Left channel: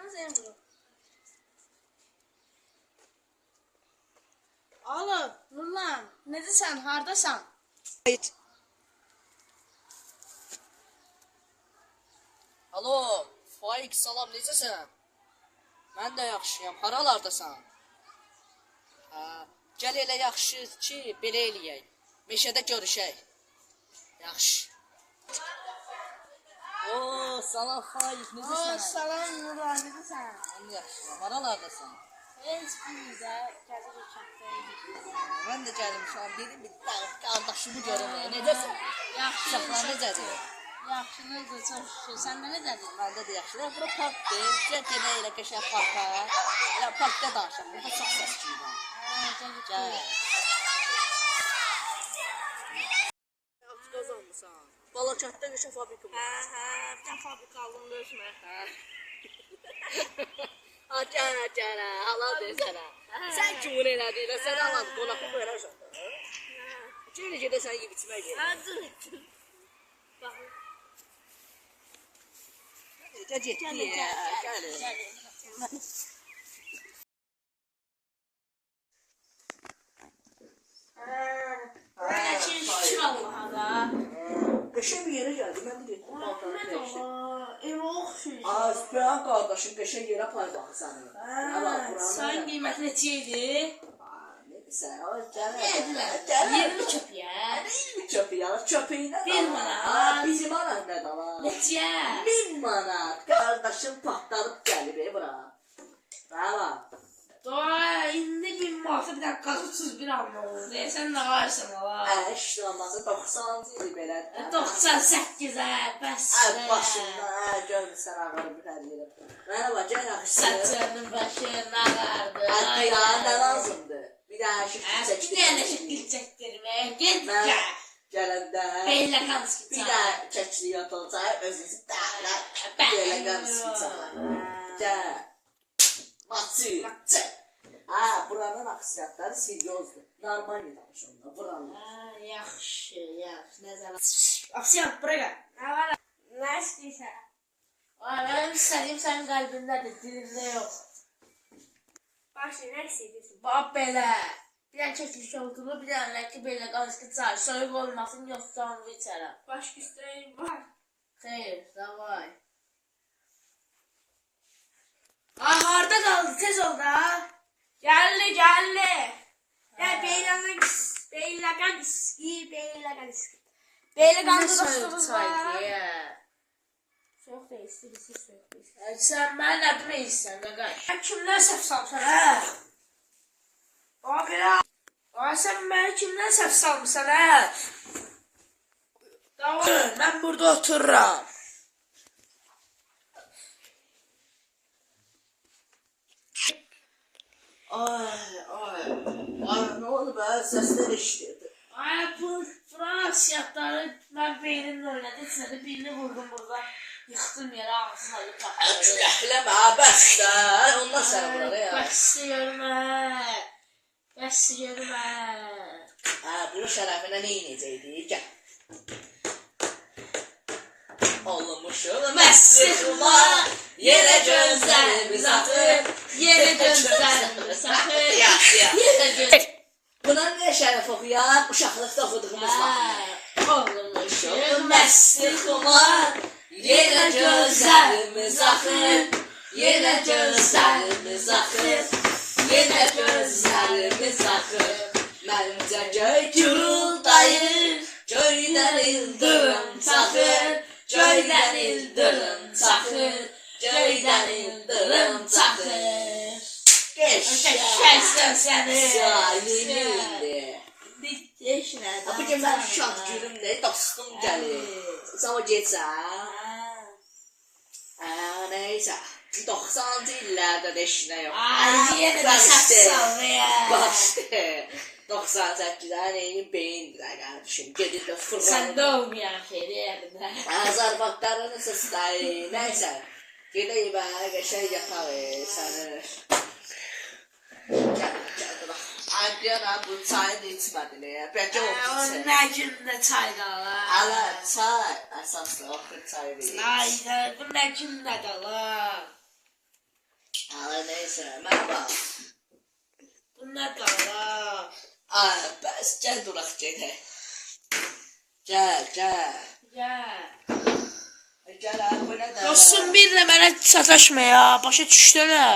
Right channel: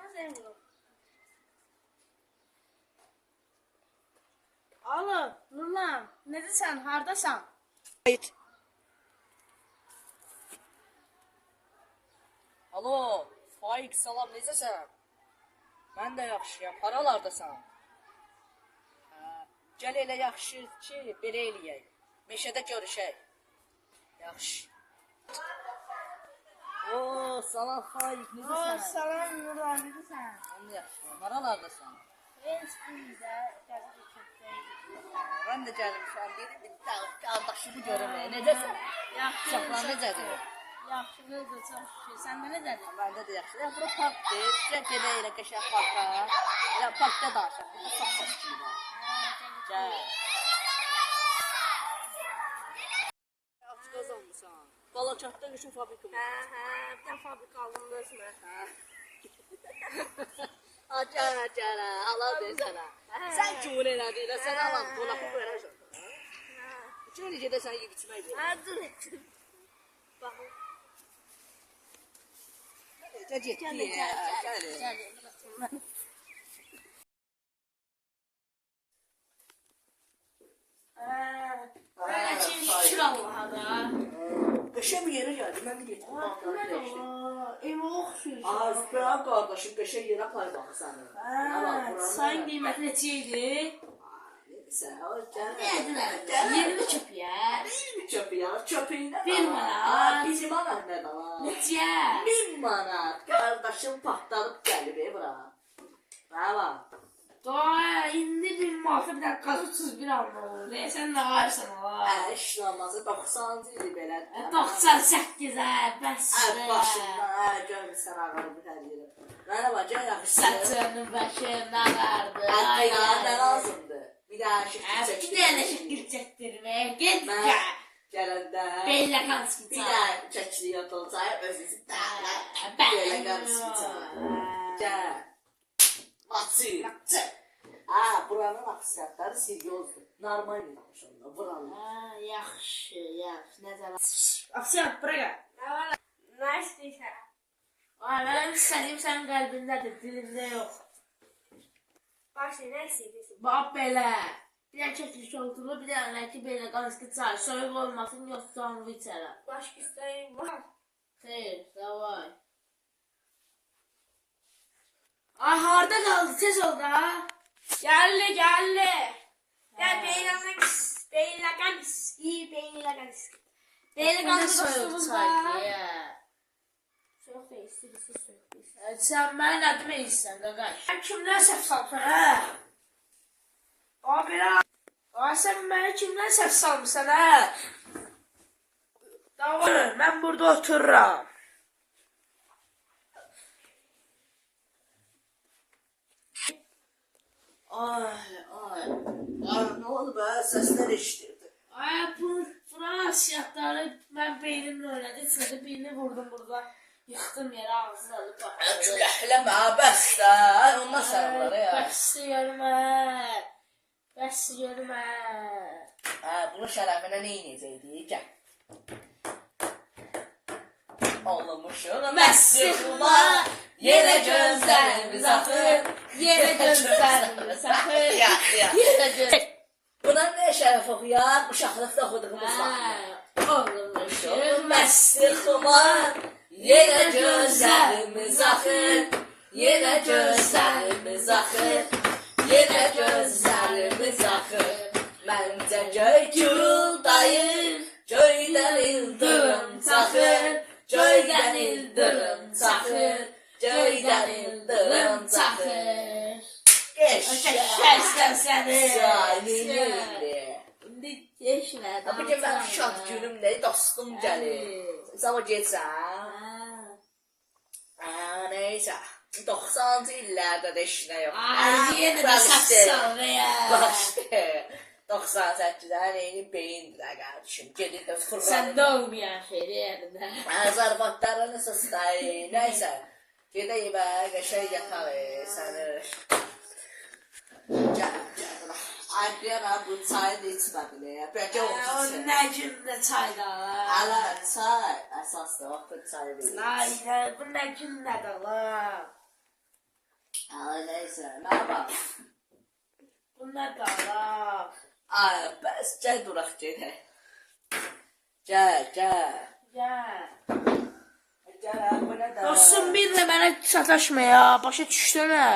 Telefonunu sen vurur. Alo, Nurlan, neredesin, hardasan? Hayır. Alo, Faik, salam, necəsən? Mən də yaxşıyam, haralardasan? Gəl elə yaxşı ki, belə eləyək. Meşədə görüşək. Yaxşı. Salam Faik, necəsən? Salam Nurlan, neredesin? Mən də yaxşıyam, haralardasan? Heç bizdə, gəlir uçaqdaydı. Mən də gəlmişəm, dedim, bir qardaşımı görüm, necəsən? Yaxşı, Uşaqlar necədir? yaxşılıdır, çox şükür. Sən də necədir? Məndə də yaxşıdır. Bura parkdır, bizə gedək elə qəşəng parka. Elə parkda danışaq, burada çox səsküy var. Gəl. Yaxşı qazanmısan. Balakatda qəşəng fabrika var. Bir tane fabrika aldım da özümə. Acara, halal desənə. Sən kimin elədiyinə, sən alan qonaqı verəsən. Necə gedəsən yeyib içmək gəlir. Dur. Baxın. Necə getdi ya, gəl. Şükür Allah'a da. Qəşəng bir yerə gəldi, mən də getdim. Nə ola? Ev oxşuyur. Azbran qardaşım qəşəng yerə pay baxsan. Sayın qiyməti neçəydi? Sən o gəl. Yedilər. 20 köpüyə. Çöpüylə. 1 manat. 1 manat nə da var? Neçə? 1000 manat. Qardaşım patlanıb gəlib bura. Bravo. Doğa indi 1000 manata bir dənə qazıqsız bir anla olur. Sən nə varsan ala? İşte olmazı 90-cı idi belə. 98-ə, bəs. Başında görmüsən ağarı bir həliyyə. Mənə bax, gəl yaxşı. Saçının başına ağardı. Ya nə lazımdır? Bir dənə şəkil çəkdir. Bir dənə şəkil çəkdirmək. Get gəl. Gələndə Beylə qanski bir də çəkili yatılacaq, özünüzü dəhlə. Belə qanski gəl. Matı. Buranın aksiyatları seriozdur. Normal bir danışımda. Buranın. Yaxşı. Nəzərə. Afsiyat, bura gəl. Nə istəyirsən? Mənim istədiyim sənin qəlbindədir, dilində yox. Başla, nə istəyirsən? Bax belə. Bir dənə kəklik oltulu, bir dənə ki belə qanski çay. Soyuq olmasın, yoxsa onu içərəm. Başqa istəyim var. Xeyr, davay. Ay, harada qaldı? Tez ol da. Gəldi. Ya beylə qanski. Beylə qanski dostumuz var. Soyuq da istəyirsən, soyuq da istəyirsən. Sən mənə nə demək istəyirsən, qaqay? Sən kimdən səhv salmışsan, hə? Sən mənə kimdən səhv salmışsan, hə? Mən burada otururam. Ay, nə oldu be? Səslər eşidirdi. Ay, buranın aksiyatları mən beynimlə oynadım. İçində birini vurdum burada. Yıxdım yerə, ağzını alıp baxıyorum. Küləkləmə, bəs də. Ondan sənə burada ya. Bəs yermə. Bunun şərəfinə nə inəcəkdik? Gəl. Olmuşuq məsrifla, yerə gözlərimiz axır. Yerə gözlərimiz axır. Buna nə şərəf oxuyaq? Uşaqlıqda oxuduğumuz vaxtında. Olmuşuq Məsrifla, yerə gözlərimiz axır. Yerə gözlərimiz axır. Yerə gözlərimiz axır. Məncə göy guruldayır. Göydən ildırım çaxır. Göydən ildırım çaxır. Göydən ildırım çaxır. Qəşəngsən səni. Zalimindi. İndi deşmədən. Bu gün mən şad günümdə dostum gəlir. Sabah getsən. Neysə. 90-cı illərdə də işinə yox. Yenə də səhv ya. Başdı. 98-də neyini beyindir qardeşim. Gedir də fırlanır. Sən doğmayan xeyri yerində. Zarbatları nasıl stayı. Neysə. Gedək bə, qəşəng yatarıq. Səni. Adriana bu çayı da içmədin ya. Bəlkə o O içsin. nə gündə çayda ala. Ala çay. Əsaslı axır çayı verir. Ayda bu nə gündə də ala. Ay neyse, mən bax. Bunlar qala. Ay, bəs gəl duraq gedək. Gəl. Gəl. Gəl, bu nə də? Dostum bir də mənə sataşma ya. Başa düşdün hə?